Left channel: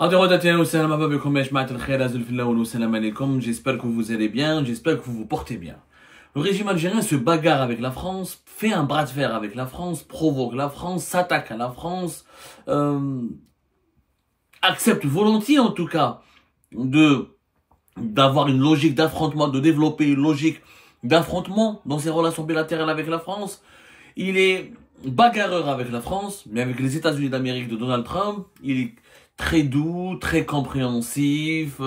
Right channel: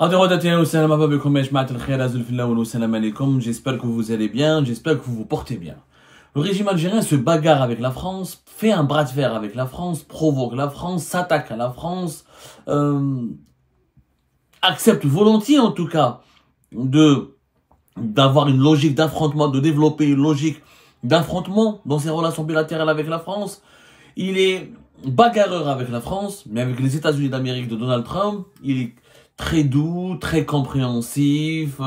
J'espère que vous allez bien, j'espère que vous vous portez bien. Le régime algérien se bagarre avec la France, fait un bras de fer avec la France, provoque la France, s'attaque à la France, accepte volontiers en tout cas d'avoir une logique d'affrontement, de développer une logique d'affrontement dans ses relations bilatérales avec la France. Il est bagarreur avec la France, mais avec les États-Unis d'Amérique de Donald Trump, il est très doux, très compréhensif,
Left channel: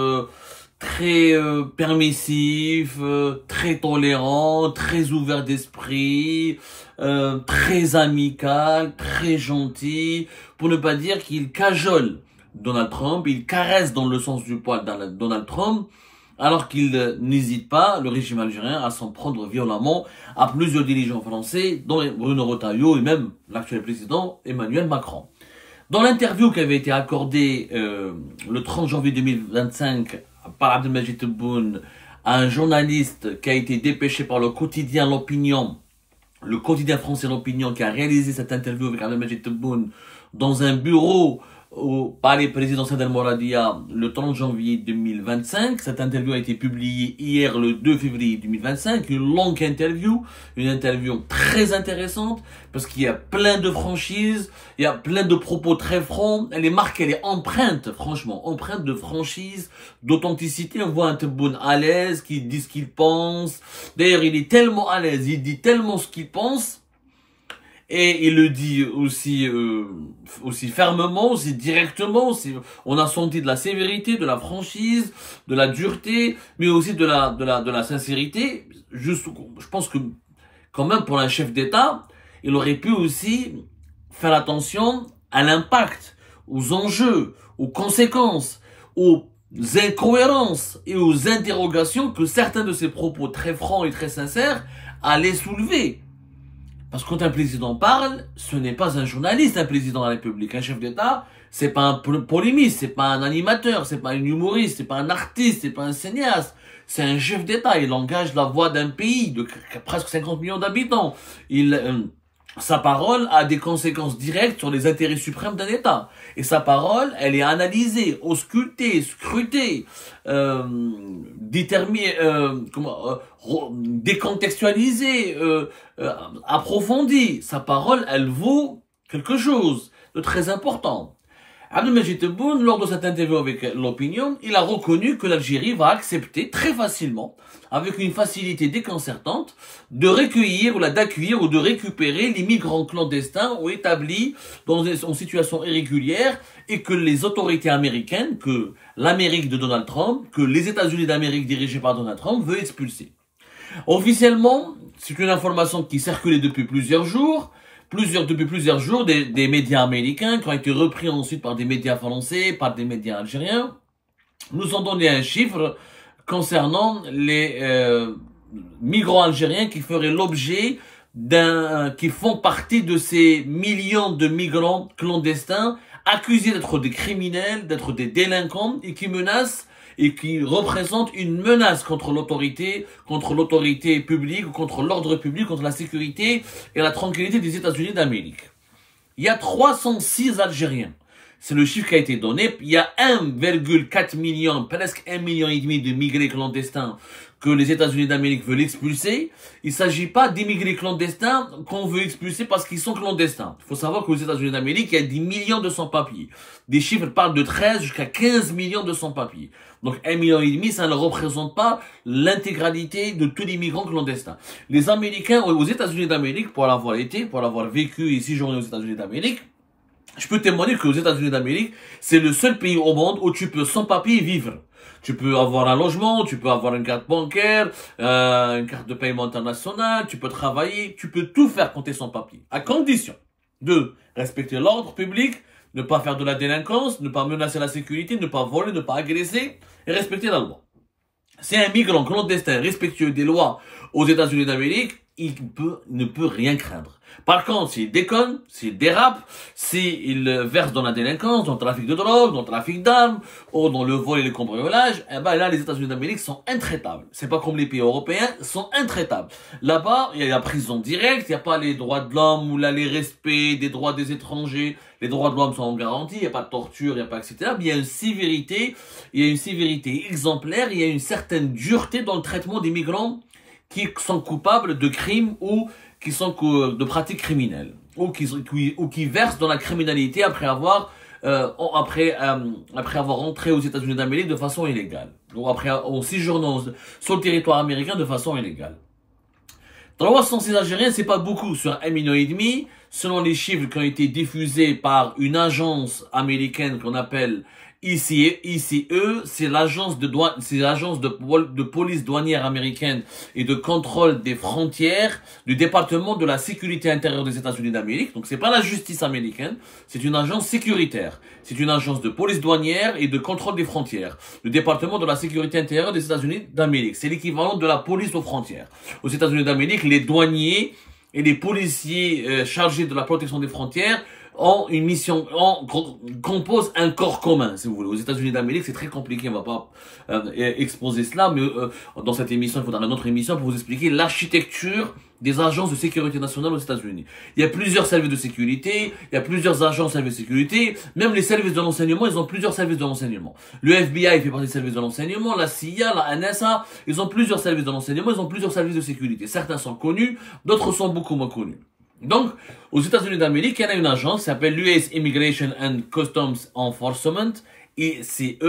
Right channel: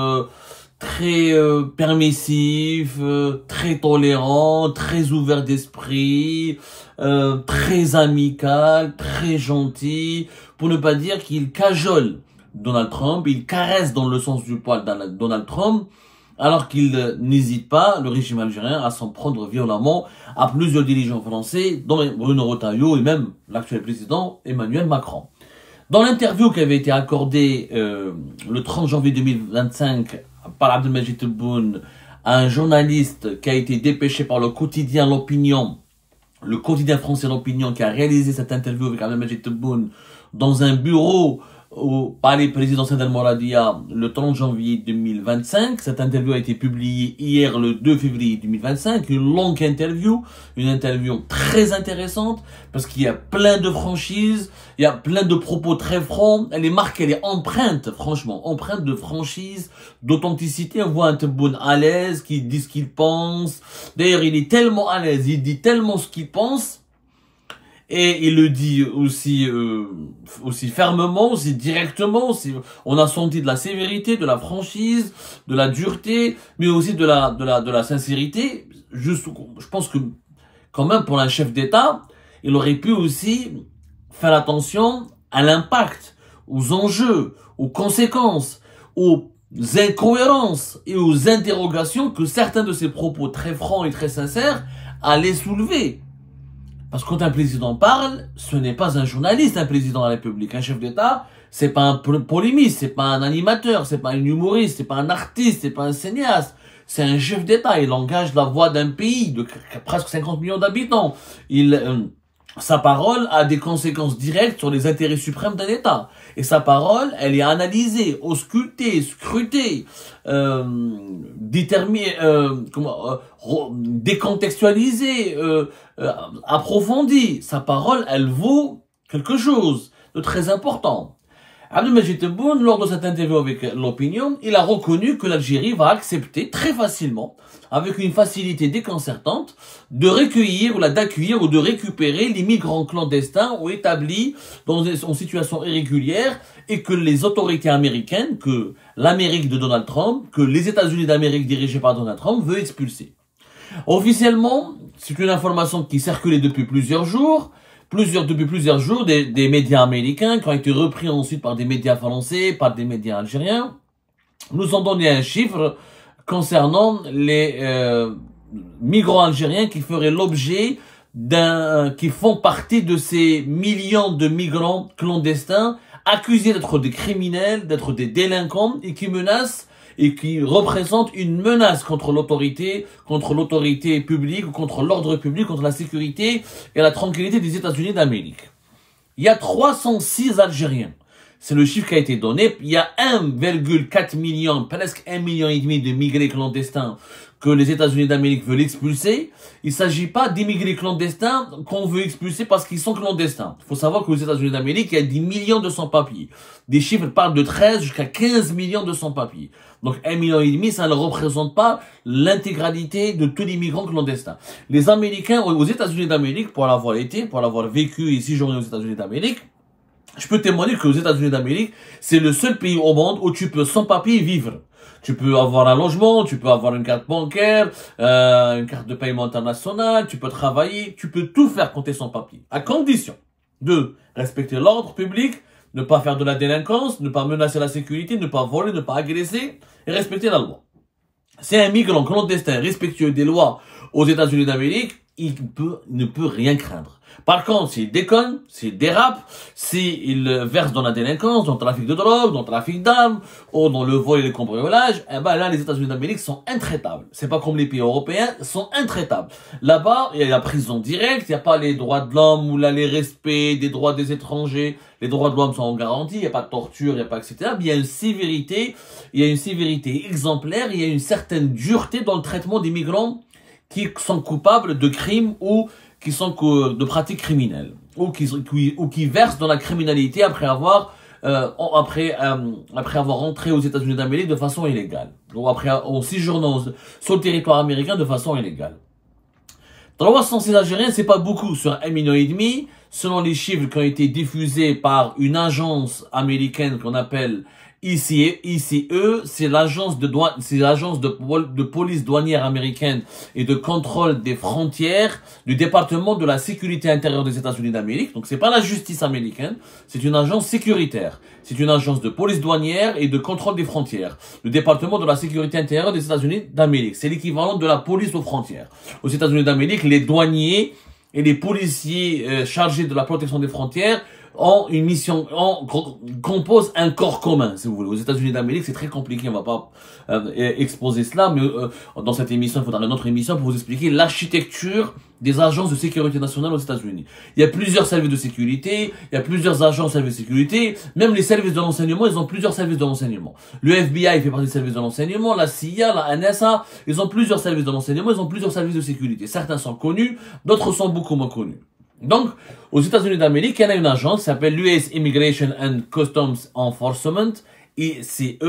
très permissif, très tolérant, très ouvert d'esprit, très amical, très gentil, pour ne pas dire qu'il cajole Donald Trump, il caresse dans le sens du poil Donald Trump, alors qu'il n'hésite pas, le régime algérien, à s'en prendre violemment à plusieurs dirigeants français, dont Bruno Retailleau et même l'actuel président Emmanuel Macron. Dans l'interview qui avait été accordée le 30 janvier 2025 par Abdelmajid Tebboune à un journaliste qui a été dépêché par le quotidien L'Opinion, le quotidien français L'Opinion, qui a réalisé cette interview avec Abdelmajid Tebboune dans un bureau au palais présidentiel d'Al Mouradia le 30 janvier 2025. Cette interview a été publiée hier le 2 février 2025. Une longue interview, une interview très intéressante parce qu'il y a plein de franchises, il y a plein de propos très francs. Elle est marquée, elle est empreinte, franchement, empreinte de franchise, d'authenticité. On voit un Tebboune à l'aise, qui dit ce qu'il pense. D'ailleurs, il est tellement à l'aise, il dit tellement ce qu'il pense. Et il le dit aussi fermement, aussi directement. On a senti de la sévérité, de la franchise, de la dureté, mais aussi de la sincérité. Je pense que, quand même, pour un chef d'État, il aurait pu aussi faire attention à l'impact, aux enjeux, aux conséquences, aux incohérences et aux interrogations que certains de ses propos très francs et très sincères allaient soulever. Parce que quand un président parle, ce n'est pas un journaliste, un président de la République. Un chef d'État, c'est pas un polémiste, c'est pas un animateur, c'est pas un humoriste, c'est pas un artiste, c'est pas un cinéaste. C'est un chef d'État. Il engage la voix d'un pays de presque 50 millions d'habitants. Sa parole a des conséquences directes sur les intérêts suprêmes d'un État. Et sa parole, elle est analysée, auscultée, scrutée, décontextualisée, approfondie. Sa parole, elle vaut quelque chose de très important. Abdelmajid Tebboune, lors de cette interview avec L'Opinion, il a reconnu que l'Algérie va accepter très facilement, avec une facilité déconcertante, de recueillir d'accueillir ou de récupérer les migrants clandestins ou établis en situation irrégulière et que les autorités américaines, que l'Amérique de Donald Trump, que les États-Unis d'Amérique dirigés par Donald Trump veulent expulser. Officiellement, c'est une information qui circulait depuis plusieurs jours, des médias américains qui ont été repris ensuite par des médias français, par des médias algériens, nous ont donné un chiffre concernant les migrants algériens qui feraient l'objet qui font partie de ces millions de migrants clandestins accusés d'être des criminels, d'être des délinquants et qui menacent et qui représentent une menace contre l'autorité publique, ou contre l'ordre public, contre la sécurité et la tranquillité des États-Unis d'Amérique. Il y a 306 Algériens. C'est le chiffre qui a été donné. Il y a 1,4 million, presque 1,5 million de migrés clandestins que les États-Unis d'Amérique veulent expulser. Il ne s'agit pas d'immigrés clandestins qu'on veut expulser parce qu'ils sont clandestins. Il faut savoir qu'aux États-Unis d'Amérique, il y a 10 millions de sans-papiers. Des chiffres parlent de 13 jusqu'à 15 millions de sans-papiers. Donc 1,5 million, ça ne représente pas l'intégralité de tous les migrants clandestins. Les Américains aux États-Unis d'Amérique, pour l'avoir été, pour l'avoir vécu et séjourné aux États-Unis d'Amérique, je peux témoigner que aux États-Unis d'Amérique, c'est le seul pays au monde où tu peux sans papier vivre. Tu peux avoir un logement, tu peux avoir une carte bancaire, une carte de paiement internationale, tu peux travailler, tu peux tout faire quand tu es sans papier. À condition de respecter l'ordre public, ne pas faire de la délinquance, ne pas menacer la sécurité, ne pas voler, ne pas agresser et respecter la loi. Si un migrant clandestin respectueux des lois aux États-Unis d'Amérique, il ne peut rien craindre. Par contre, s'il déconne, s'il dérape, s'il verse dans la délinquance, dans le trafic de drogue, dans le trafic d'armes, ou dans le vol et le cambriolage, eh ben là, les États-Unis d'Amérique sont intraitables. C'est pas comme les pays européens, sont intraitables. Là-bas, il y a la prison directe, il n'y a pas les droits de l'homme ou là, les respects des droits des étrangers. les droits de l'homme sont garantis, il n'y a pas de torture, il n'y a pas, etc. Mais il y a une sévérité, exemplaire, il y a une certaine dureté dans le traitement des migrants qui sont coupables de crimes ou qui sont de pratiques criminelles, ou qui versent dans la criminalité après avoir entré aux États-Unis d'Amérique de façon illégale, ou en séjournant sur le territoire américain de façon illégale. 306 Algériens, c'est pas beaucoup sur 1,5 million, selon les chiffres qui ont été diffusés par une agence américaine qu'on appelle ICE, c'est l'agence de police douanière américaine et de contrôle des frontières du département de la sécurité intérieure des États-Unis d'Amérique. Donc c'est pas la justice américaine, c'est une agence sécuritaire. C'est une agence de police douanière et de contrôle des frontières. Le département de la sécurité intérieure des États-Unis d'Amérique. C'est l'équivalent de la police aux frontières. Aux États-Unis d'Amérique, les douaniers et les policiers chargés de la protection des frontières ont une mission, composent un corps commun, si vous voulez. Aux États-Unis d'Amérique, c'est très compliqué, on va pas exposer cela, mais dans cette émission, il faudra une autre émission pour vous expliquer l'architecture des agences de sécurité nationale aux États-Unis. Il y a plusieurs services de sécurité, il y a plusieurs agences de services de sécurité, même les services de renseignement, ils ont plusieurs services de renseignement. Le FBI fait partie des services de renseignement, la CIA, la NSA, ils ont plusieurs services de renseignement, ils ont plusieurs services de sécurité. Certains sont connus, d'autres sont beaucoup moins connus. Donc, aux États-Unis d'Amérique, il y en a une agence qui s'appelle l'US Immigration and Customs Enforcement, ICE,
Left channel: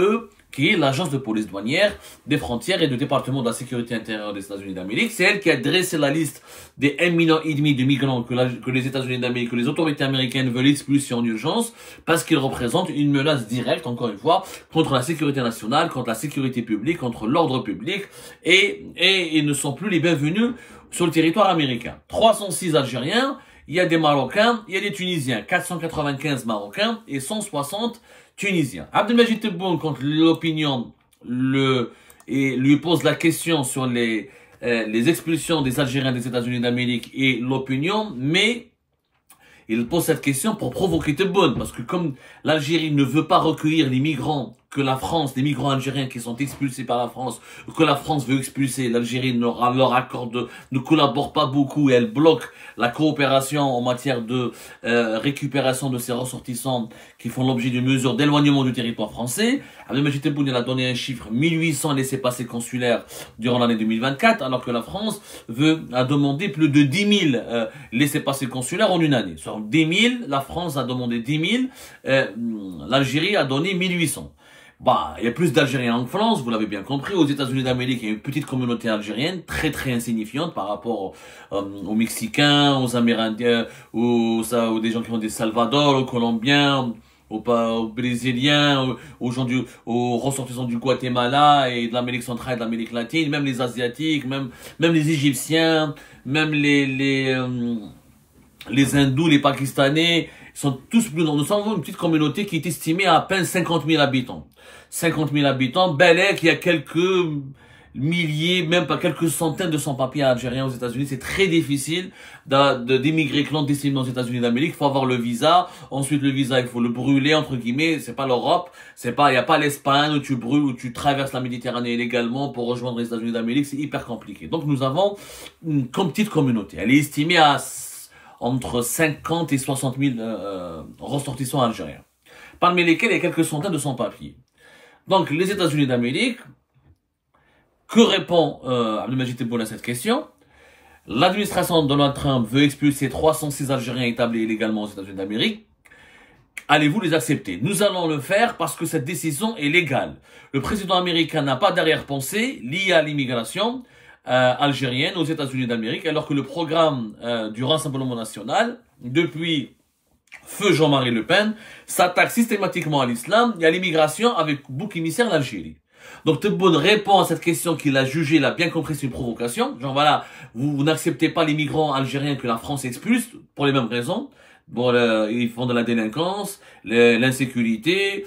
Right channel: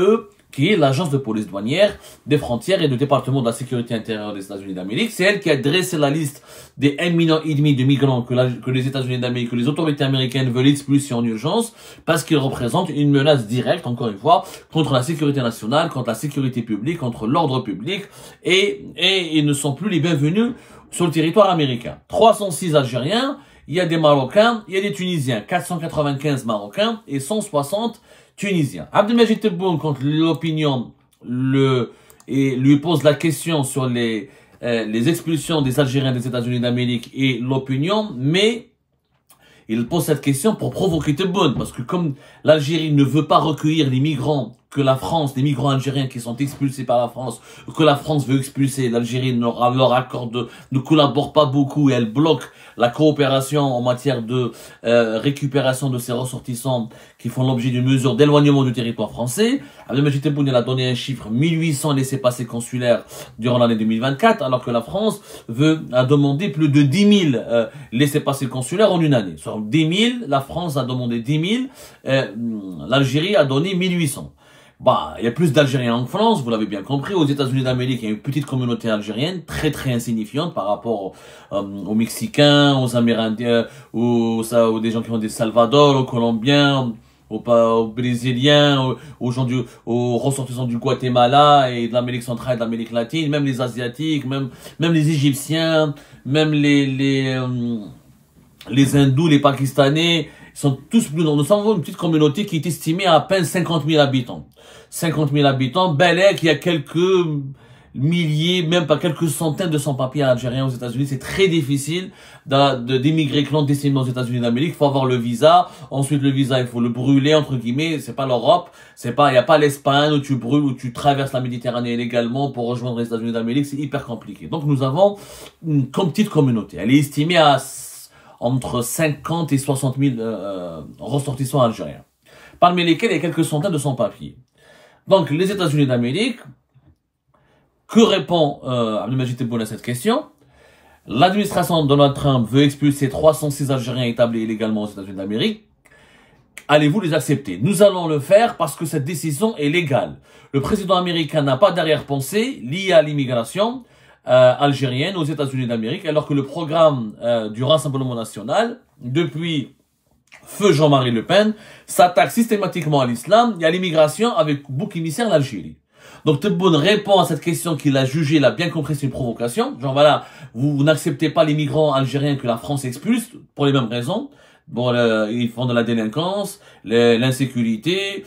qui est l'agence de police douanière des frontières et du département de la sécurité intérieure des États-Unis d'Amérique. C'est elle qui a dressé la liste des 1,5 million de migrants que les États-Unis d'Amérique, que les autorités américaines veulent expulser en urgence, parce qu'ils représentent une menace directe, encore une fois, contre la sécurité nationale, contre la sécurité publique, contre l'ordre public, et ils ne sont plus les bienvenus sur le territoire américain. 306 Algériens, il y a des Marocains, il y a des Tunisiens, 495 Marocains et 160 Tunisiens. Abdelmajid Tebboune, quand l'opinion lui pose la question sur les expulsions des Algériens des États-Unis d'Amérique et l'opinion, mais il pose cette question pour provoquer Tebboune, parce que comme l'Algérie ne veut pas recueillir les migrants que la France, les migrants algériens qui sont expulsés par la France, que la France veut expulser, l'Algérie leur accorde, ne collabore pas beaucoup et elle bloque la coopération en matière de récupération de ces ressortissants qui font l'objet d'une mesure d'éloignement du territoire français. Abdelmajid Tebboune a donné un chiffre 1800 laissez-passer consulaires durant l'année 2024, alors que la France a demandé plus de 10 000 laissez-passer consulaires en une année. Sur 10 000, la France a demandé 10 000, l'Algérie a donné 1800. Bah, il y a plus d'Algériens en France, vous l'avez bien compris. Aux États-Unis d'Amérique, il y a une petite communauté algérienne, très insignifiante par rapport aux Mexicains, aux Amérindiens, aux des gens qui ont des Salvador, aux Colombiens, aux Brésiliens, aux ressortissants du Guatemala et de l'Amérique centrale et de l'Amérique latine, même les Asiatiques, même les Égyptiens, même les Hindous, les Pakistanais, sont tous plus nombreux. Nous sommes une petite communauté qui est estimée à peine 50 000 habitants. 50 000 habitants, Bel Air, qui a quelques milliers, même pas quelques centaines de sans-papiers algériens aux États-Unis. C'est très difficile d'émigrer clandestinement aux États-Unis d'Amérique. Il faut avoir le visa. Ensuite, le visa, il faut le brûler, entre guillemets. C'est pas l'Europe. Il n'y a pas l'Espagne où tu brûles, où tu traverses la Méditerranée illégalement pour rejoindre les États-Unis d'Amérique. C'est hyper compliqué. Donc, nous avons une petite communauté. Elle est estimée à entre 50 et 60 000 ressortissants algériens, parmi lesquels il y a quelques centaines de sans-papiers. Donc, les États-Unis d'Amérique, que répond Abdelmajid Tebboune à cette question? L'administration de Donald Trump veut expulser 306 Algériens établis illégalement aux États-Unis d'Amérique. Allez-vous les accepter? Nous allons le faire parce que cette décision est légale. Le président américain n'a pas d'arrière-pensée liée à l'immigration algérienne aux États-Unis d'Amérique, alors que le programme du Rassemblement national, depuis feu Jean-Marie Le Pen, s'attaque systématiquement à l'islam et à l'immigration avec bouc émissaire l'Algérie. Donc Tebboune répond à cette question qu'il a jugée, il a bien compris, c'est une provocation. Genre voilà, vous n'acceptez pas les migrants algériens que la France expulse pour les mêmes raisons. Bon, ils font de la délinquance, l'insécurité,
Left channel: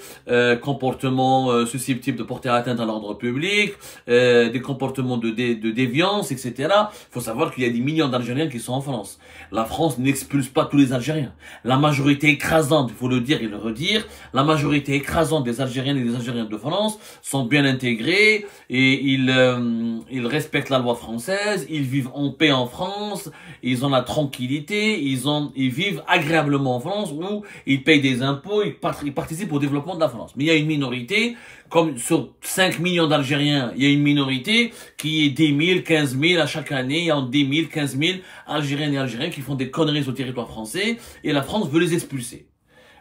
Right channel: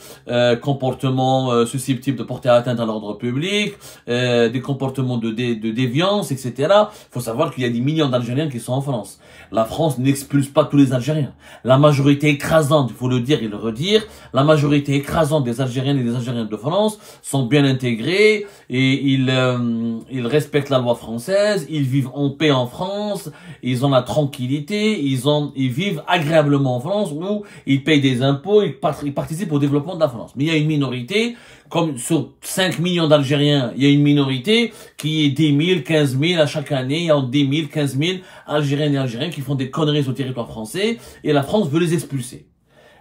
comportements susceptibles de porter atteinte à l'ordre public, des comportements de déviance, etc. Il faut savoir qu'il y a des millions d'Algériens qui sont en France. La France n'expulse pas tous les Algériens. La majorité écrasante, il faut le dire et le redire, la majorité écrasante des Algériennes et des Algériennes de France sont bien intégrés et ils respectent la loi française, ils vivent en paix en France, ils ont la tranquillité, ils vivent agréablement en France où ils payent des impôts, ils participent au développement de la France. Mais il y a une minorité, comme sur 5 millions d'Algériens, il y a une minorité qui est 10 000, 15 000 à chaque année, il y a 10 000, 15 000 Algériennes et Algériens qui font des conneries sur le territoire français et la France veut les expulser.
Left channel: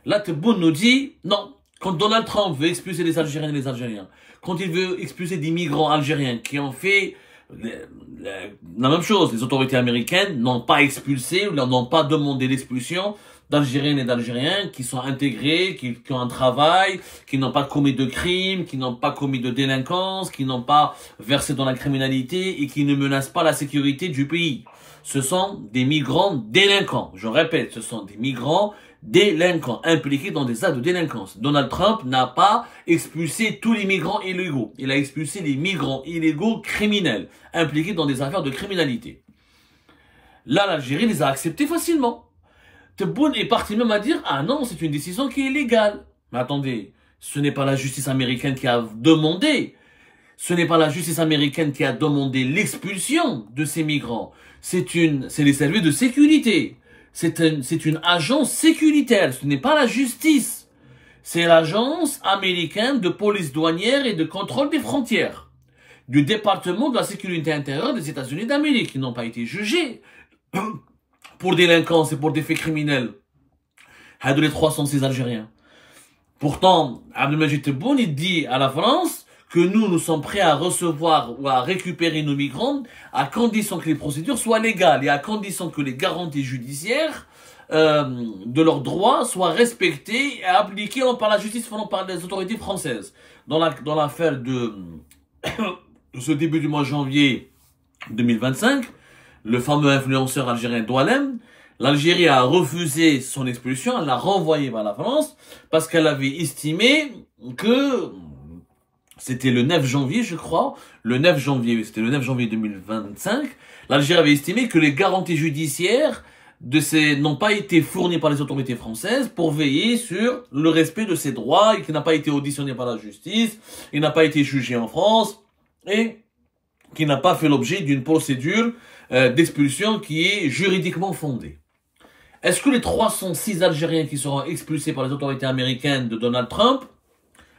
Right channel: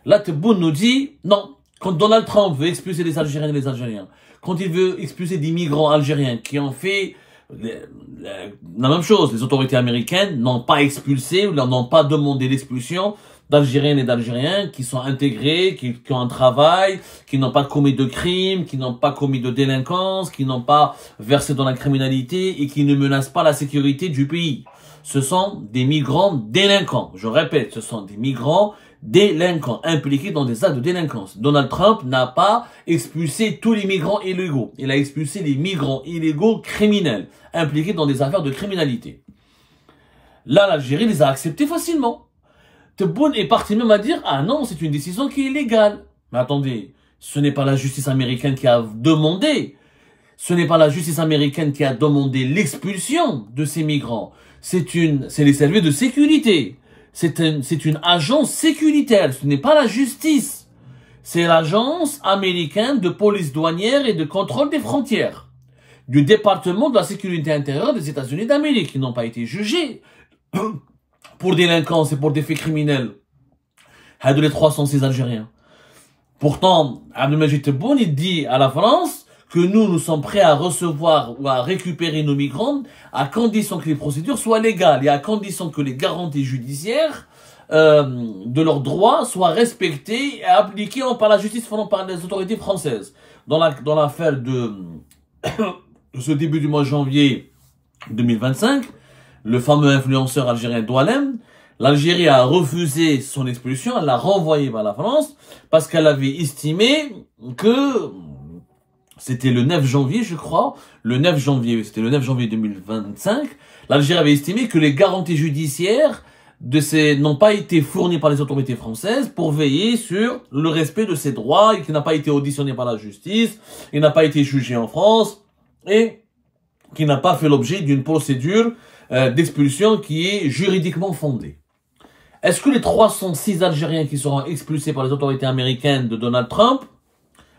Là, Tebboune nous dit, non, quand Donald Trump veut expulser les Algériennes et les Algériens, quand il veut expulser des migrants algériens qui ont fait la même chose, les autorités américaines n'ont pas expulsé ou n'ont pas demandé l'expulsion d'Algériennes et d'Algériens qui sont intégrés, qui ont un travail, qui n'ont pas commis de crimes, qui n'ont pas commis de délinquance, qui n'ont pas versé dans la criminalité et qui ne menacent pas la sécurité du pays. Ce sont des migrants délinquants. Je répète, ce sont des migrants délinquants, impliqués dans des actes de délinquance. Donald Trump n'a pas expulsé tous les migrants illégaux. Il a expulsé les migrants illégaux criminels, impliqués dans des affaires de criminalité. Là, l'Algérie les a acceptés facilement. Tebboune est parti même à dire, ah non, c'est une décision qui est légale. Mais attendez, ce n'est pas la justice américaine qui a demandé. Ce n'est pas la justice américaine qui a demandé l'expulsion de ces migrants. C'est les services de sécurité. C'est une agence sécuritaire. Ce n'est pas la justice. C'est l'agence américaine de police douanière et de contrôle des frontières. Du département de la sécurité intérieure des États-Unis d'Amérique. Qui n'ont pas été jugés pour délinquance et pour des faits criminels. Hadou les 306 Algériens. Pourtant, Abdelmajid Tebboune, il dit à la France que nous sommes prêts à recevoir ou à récupérer nos migrants à condition que les procédures soient légales et à condition que les garanties judiciaires de leurs droits soient respectées et appliquées par la justice, par les autorités françaises. Dans l'affaire de ce début du mois de janvier 2025, le fameux influenceur algérien Doualem, l'Algérie a refusé son expulsion, elle l'a renvoyé vers la France parce qu'elle avait estimé que c'était le 9 janvier, je crois, c'était le 9 janvier 2025, l'Algérie avait estimé que les garanties judiciaires n'ont pas été fournies par les autorités françaises pour veiller sur le respect de ses droits et qu'il n'a pas été auditionné par la justice, il n'a pas été jugé en France et qu'il n'a pas fait l'objet d'une procédure d'expulsion qui est juridiquement fondée. Est-ce que les 306 Algériens qui seront expulsés par les autorités américaines de Donald Trump,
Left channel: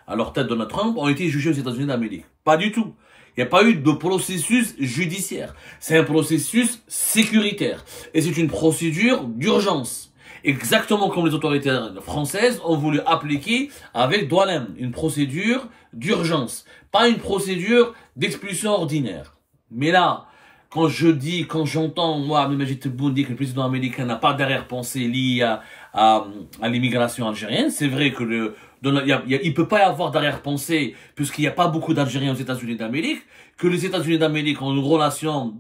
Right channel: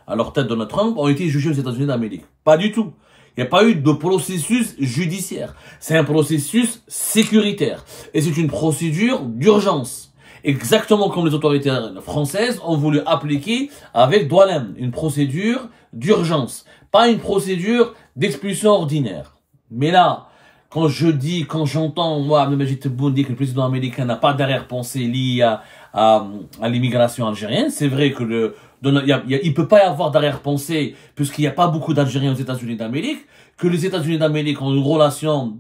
à leur tête Donald Trump, ont été jugés aux États-Unis d'Amérique? Pas du tout. Il n'y a pas eu de processus judiciaire. C'est un processus sécuritaire. Et c'est une procédure d'urgence. Exactement comme les autorités françaises ont voulu appliquer avec Doualem. Une procédure d'urgence. Pas une procédure d'expulsion ordinaire. Mais là, quand j'entends, moi, Abdelmajid Tebboune dire que le président américain n'a pas d'arrière-pensée liée à l'immigration algérienne, c'est vrai que il peut pas y avoir d'arrière-pensée puisqu'il n'y a pas beaucoup d'Algériens aux États-Unis d'Amérique, que les États-Unis d'Amérique ont une relation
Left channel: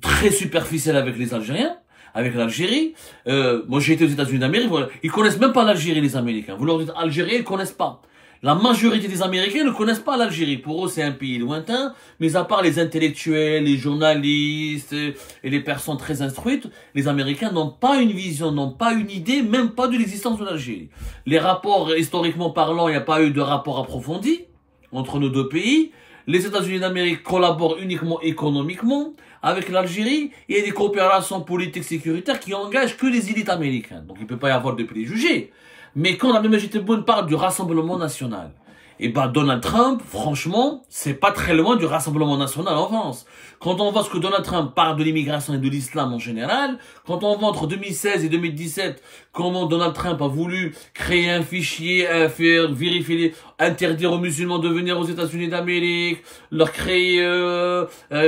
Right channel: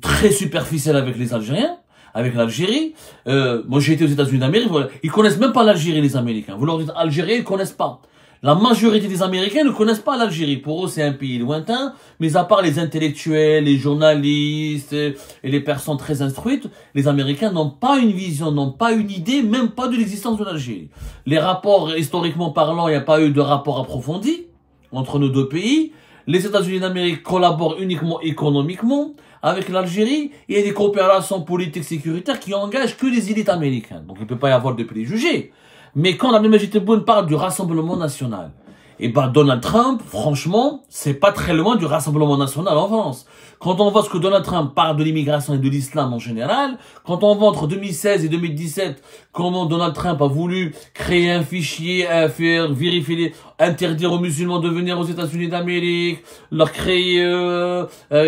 très superficielle avec les Algériens, avec l'Algérie. Moi, j'ai été aux États-Unis d'Amérique, ils connaissent même pas l'Algérie, les Américains. Vous leur dites Algérie, ils connaissent pas. La majorité des Américains ne connaissent pas l'Algérie. Pour eux, c'est un pays lointain, mais à part les intellectuels, les journalistes et les personnes très instruites, les Américains n'ont pas une vision, n'ont pas une idée, même pas de l'existence de l'Algérie. Les rapports, historiquement parlant, il n'y a pas eu de rapport approfondi entre nos deux pays. Les États-Unis d'Amérique collaborent uniquement économiquement avec l'Algérie. Il y a des coopérations politiques sécuritaires qui engagent que les élites américaines. Donc il ne peut pas y avoir de préjugés. Mais quand Abdelmajid Tebboune parle du Rassemblement national, et ben Donald Trump, franchement, c'est pas très loin du Rassemblement national en France. Quand on voit ce que Donald Trump parle de l'immigration et de l'islam en général, quand on voit entre 2016 et 2017 comment Donald Trump a voulu créer un fichier, faire vérifier, interdire aux musulmans de venir aux États-Unis d'Amérique, leur créer,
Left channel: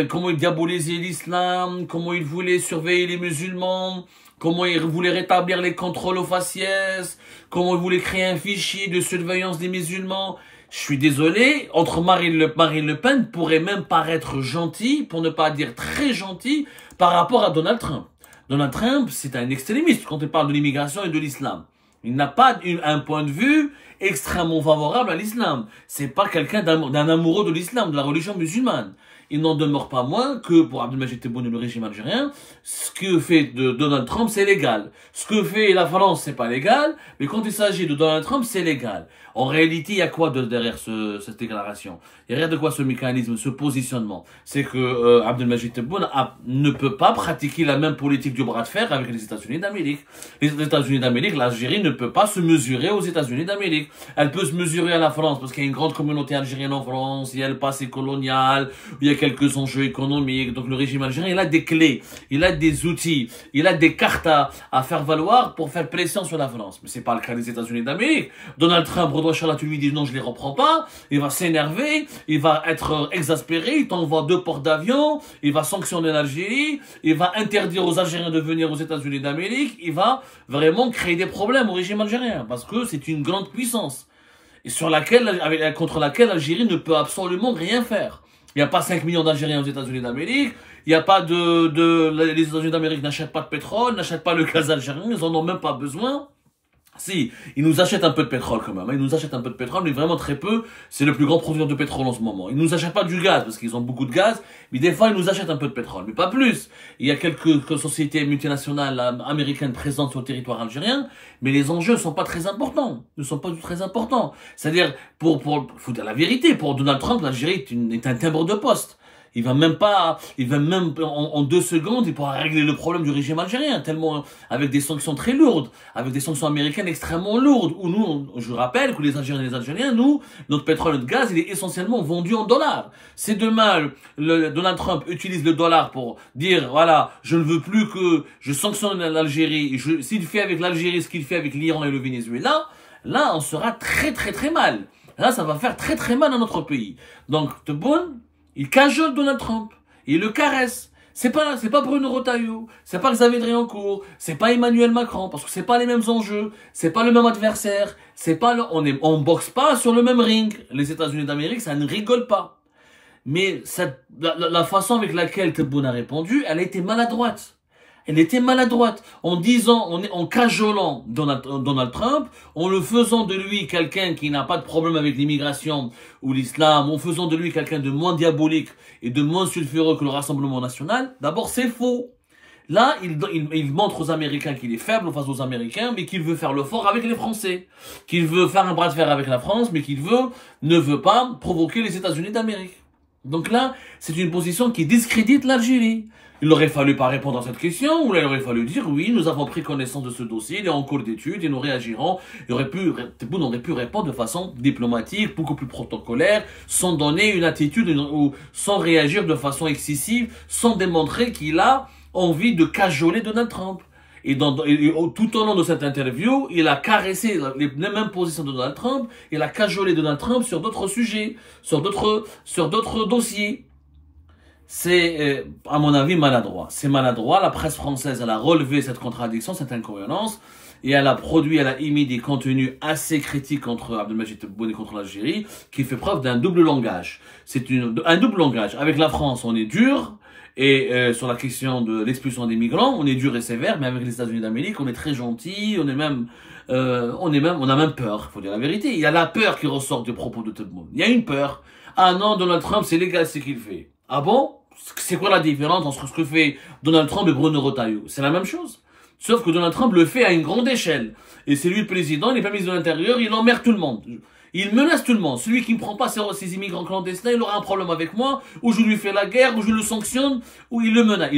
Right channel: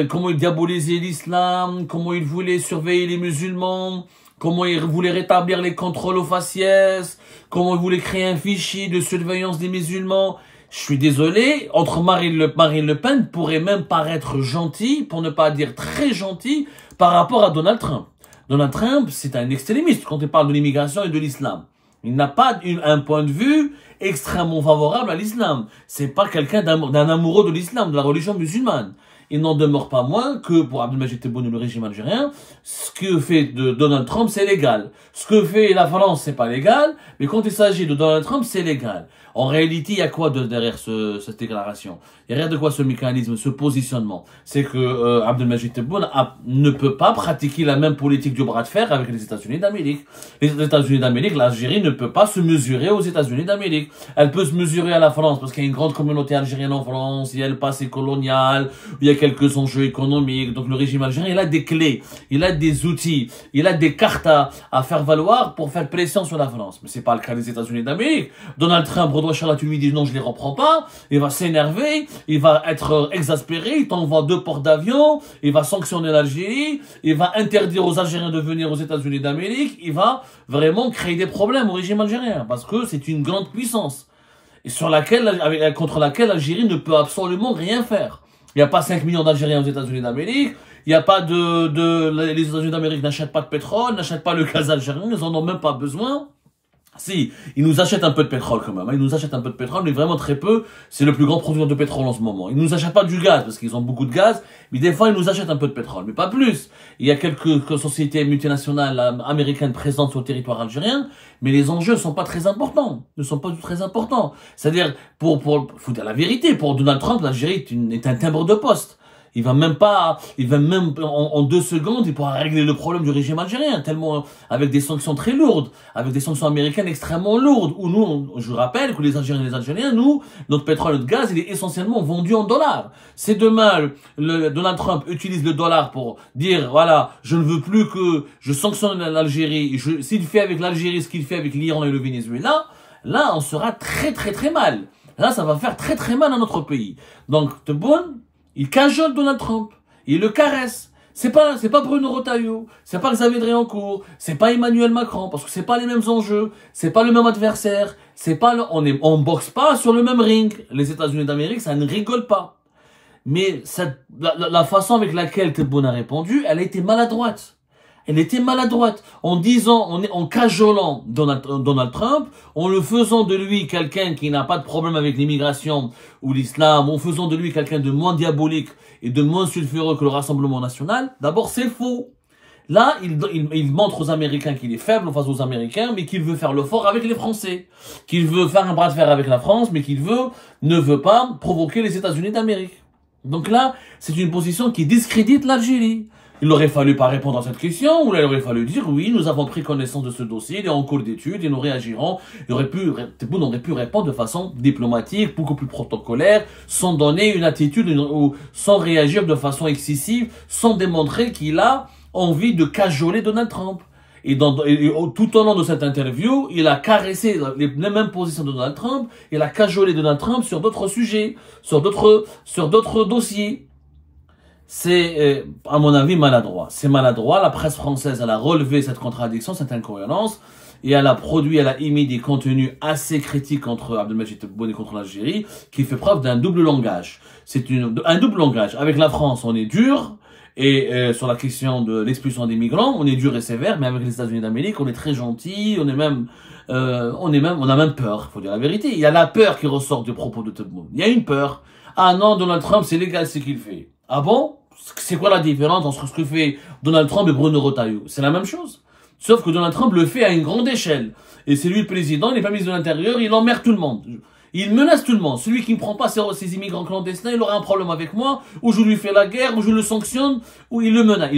comment il diabolisait l'islam, comment il voulait surveiller les musulmans, comment il voulait rétablir les contrôles aux faciès, comment il voulait créer un fichier de surveillance des musulmans. Je suis désolé, entre Marine Le Pen pourrait même paraître gentil, pour ne pas dire très gentil, par rapport à Donald Trump. Donald Trump, c'est un extrémiste quand il parle de l'immigration et de l'islam. Il n'a pas un point de vue extrêmement favorable à l'islam. C'est pas quelqu'un d'un amoureux de l'islam, de la religion musulmane. il n'en demeure pas moins que pour Abdelmajid Tebboune et le régime algérien, ce que fait de Donald Trump, c'est légal. Ce que fait la France, c'est pas légal, mais quand il s'agit de Donald Trump, c'est légal. En réalité, il y a quoi derrière cette déclaration? Il y a rien de quoi ce mécanisme, ce positionnement. C'est que Abdelmajid Tebboune ne peut pas pratiquer la même politique du bras de fer avec les États-Unis d'Amérique. Les États-Unis d'Amérique, l'Algérie ne peut pas se mesurer aux États-Unis d'Amérique. Elle peut se mesurer à la France parce qu'il y a une grande communauté algérienne en France, il y a le passé colonial, il y a quelques enjeux économiques. Donc le régime algérien, il a des clés, il a des outils, il a des cartes à faire valoir pour faire pression sur la France. Mais c'est pas le cas des États-Unis d'Amérique. Donald Trump, tu lui dis non, je les reprends pas, il va s'énerver, il va être exaspéré, il t'envoie 2 ports d'avion, il va sanctionner l'Algérie, il va interdire aux Algériens de venir aux États-Unis d'Amérique, il va vraiment créer des problèmes au régime algérien, parce que c'est une grande puissance, et contre laquelle l'Algérie ne peut absolument rien faire. Il n'y a pas 5 millions d'Algériens aux États-Unis d'Amérique, il n'y a pas les États-Unis d'Amérique n'achètent pas de pétrole, n'achètent pas le gaz algérien, ils en ont même pas besoin. Si, ils nous achètent un peu de pétrole quand même, hein. Ils nous achètent un peu de pétrole, mais vraiment très peu. C'est le plus grand producteur de pétrole en ce moment. Ils nous achètent pas du gaz, parce qu'ils ont beaucoup de gaz, mais des fois ils nous achètent un peu de pétrole, mais pas plus. Il y a quelques sociétés multinationales américaines présentes sur le territoire algérien, mais les enjeux ne sont pas très importants. Ne sont pas du tout très importants. C'est-à-dire, faut dire la vérité, pour Donald Trump, l'Algérie est un timbre de poste. Il va même en 2 secondes, il pourra régler le problème du régime algérien, tellement, avec des sanctions très lourdes, avec des sanctions américaines extrêmement lourdes, où nous, je rappelle que les Algériens et les Algériens, nous, notre pétrole et notre gaz, il est essentiellement vendu en dollars. C'est demain, Donald Trump utilise le dollar pour dire, voilà, je ne veux plus que je sanctionne l'Algérie, s'il fait avec l'Algérie ce qu'il fait avec l'Iran et le Venezuela, là, on sera très très très mal. Là, ça va faire très très mal à notre pays. Donc, Tebboune, il cajole Donald Trump, il le caresse. C'est pas Bruno Retailleau, c'est pas Xavier Driancourt, c'est pas Emmanuel Macron, parce que c'est pas les mêmes enjeux, c'est pas le même adversaire, on boxe pas sur le même ring. Les États-Unis d'Amérique, ça ne rigole pas. Mais la façon avec laquelle Tebboune a répondu, elle a été maladroite. Elle était maladroite en disant, en cajolant Donald Trump, en le faisant de lui quelqu'un qui n'a pas de problème avec l'immigration ou l'islam, en faisant de lui quelqu'un de moins diabolique et de moins sulfureux que le Rassemblement national. D'abord, c'est faux. Là, il montre aux Américains qu'il est faible face aux Américains, mais qu'il veut faire le fort avec les Français. Qu'il veut faire un bras de fer avec la France, mais ne veut pas provoquer les États-Unis d'Amérique. Donc là, c'est une position qui discrédite l'Algérie. Il aurait fallu pas répondre à cette question, ou là, il aurait fallu dire, oui, nous avons pris connaissance de ce dossier, il est en cours d'étude, et nous réagirons. Tebboune aurait pu répondre de façon diplomatique, beaucoup plus protocolaire, sans donner une attitude, ou sans réagir de façon excessive, sans démontrer qu'il a envie de cajoler Donald Trump. Et tout au long de cette interview, il a caressé les mêmes positions de Donald Trump, il a cajolé Donald Trump sur d'autres sujets, sur d'autres dossiers. C'est, à mon avis, maladroit. C'est maladroit. La presse française, elle a relevé cette contradiction, cette incohérence, et elle a émis des contenus assez critiques contre Abdelmajid Tebboune et contre l'Algérie, qui fait preuve d'un double langage. C'est un double langage. Avec la France, on est dur, et sur la question de l'expulsion des migrants, on est dur et sévère, mais avec les États-Unis d'Amérique, on est très gentil, on a même peur, faut dire la vérité. Il y a la peur qui ressort des propos de Tebboune. Il y a une peur. Ah non, Donald Trump, c'est légal ce qu'il fait. Ah bon? C'est quoi la différence entre ce que fait Donald Trump et Bruno Retailleau? C'est la même chose. Sauf que Donald Trump le fait à une grande échelle. Et c'est lui le président, il n'est pas ministre de l'Intérieur, il emmerde tout le monde. Il menace tout le monde. Celui qui ne prend pas ses immigrants clandestins, il aura un problème avec moi, ou je lui fais la guerre, ou je le sanctionne, ou il le menace.